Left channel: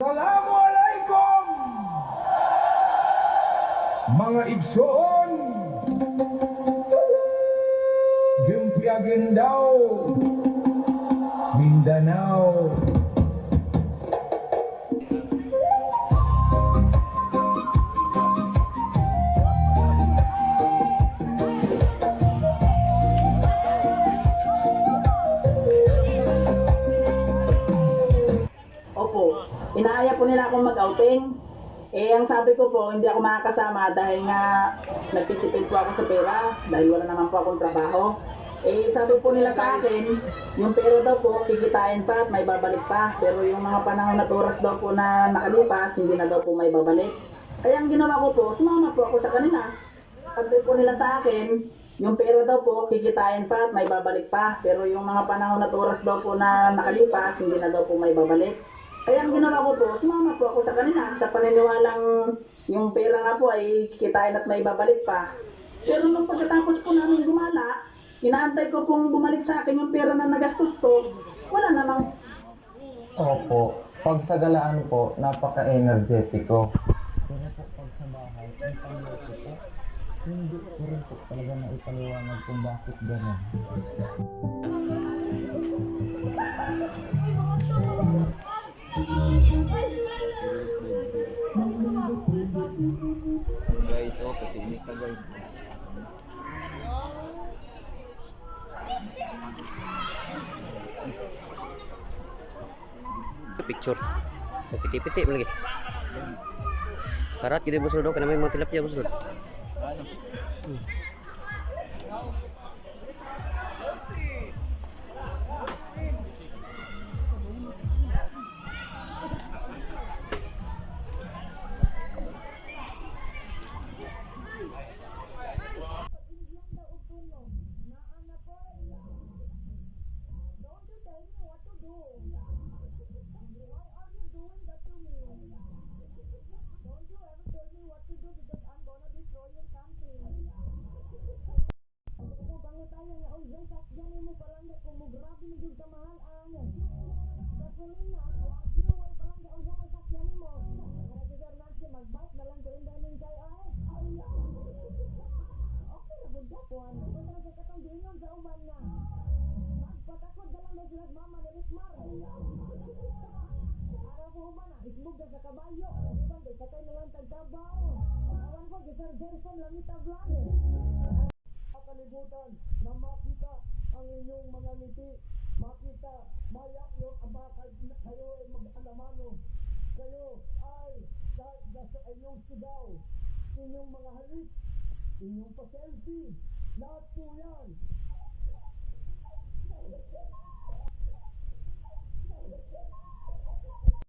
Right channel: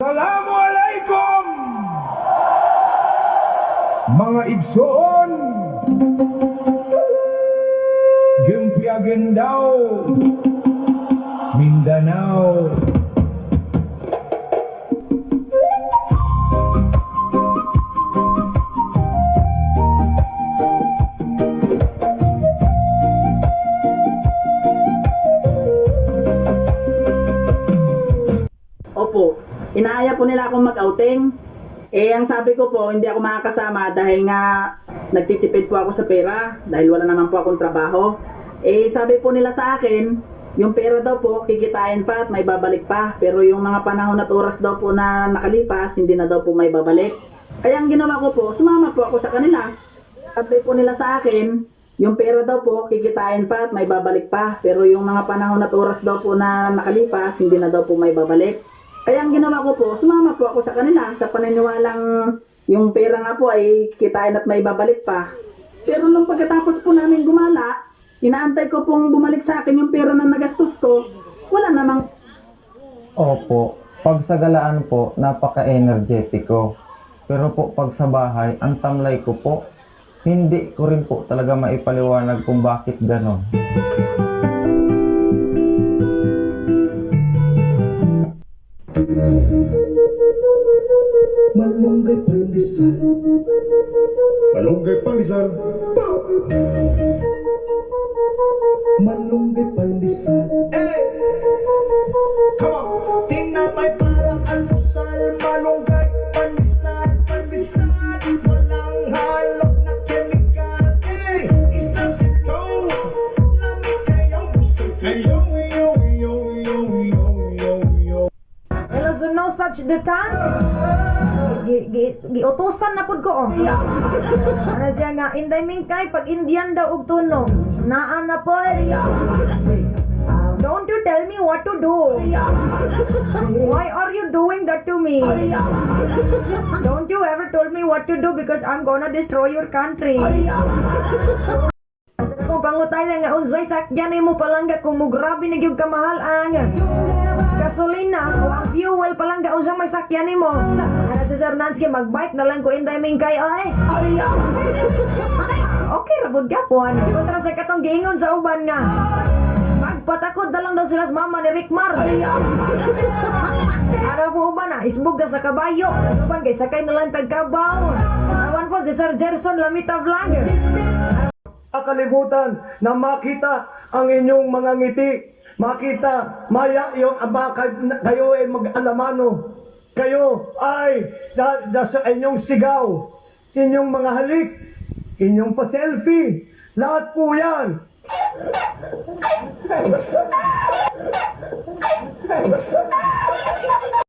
Assalamualaikum mga igsoon, Gimpiagin daw, Mindanao. Opo, inaaya po nila akong mag-outing. Ang sabi ko po, hindi ako makakasama dahil nga nagtitipid po ako sa pera dahil wala naman po akong trabaho. Sabi po nila sa akin, yung pera daw po kikitain pa at may babalik pa. Pero yung mga panahon at oras daw po na nakalipas, hindi na daw po may babalik. Kaya ang ginawa ko po, sumama po ako sa kanila. Sabi po nila sa akin, yung pera daw po kikitain pa at may babalik pa. Pero yung mga panahon at oras daw po na nakalipas, hindi na daw po may babalik. Kaya ang ginawa ko po, sumama po ako sa kanila sa paniniwalang yung pera nga po ay kitain at may babalik pa. Pero nung pagkatapos po namin gumala, inaantay ko pong bumalik sa akin yung pera na nagastos ko, wala namang... Opo, pag sa galaan po, napaka-energetiko. Pero po pag sa bahay, ang tamlay ko po, hindi ko rin po talaga maipaliwanag kung bakit ganon. Malunggay pandesal, malunggay pandesal, malunggay pandesal. Come on, tinapay parang almusal, malunggay pandesal. Parang tidak busuk dong, kalau mau tilap dia busuk. Halong at kemikal, isa sitaw. Hello, so no such the time. Giutusan na pud ko oh. Ano siya nga inday mingkay pag Indian daw og tunog. Naan na po. Don't you tell me what to do. Why are you doing that to me? Don't you ever told me what to do because I'm gonna destroy your country. Kung pangutay na nga unsay sakyan mo palangga kung mo grabe na gyud kamahal ang gasolina o ang fuel palangga unsang may sakyan nimo. Ana si Sir Nancy magbike na lang ko inday mingkay ay. Okay ra bud gapon. Kontra sa katong giingon sa uban nga. Magpatakod na lang daw sila sa mama ni Rickmar. Araw mo uban na isbog ka sa kabayo. Uban kay sakay na lang tagkabaw. Awan po si Sir Gerson Lamita Vlog. Kalibutan na makita ang inyong mga ngiti, makita maya yung aba kayo ay mag-alamano, kayo ay sa inyong sigaw, inyong mga halik, inyong pa-selfie, lahat po yan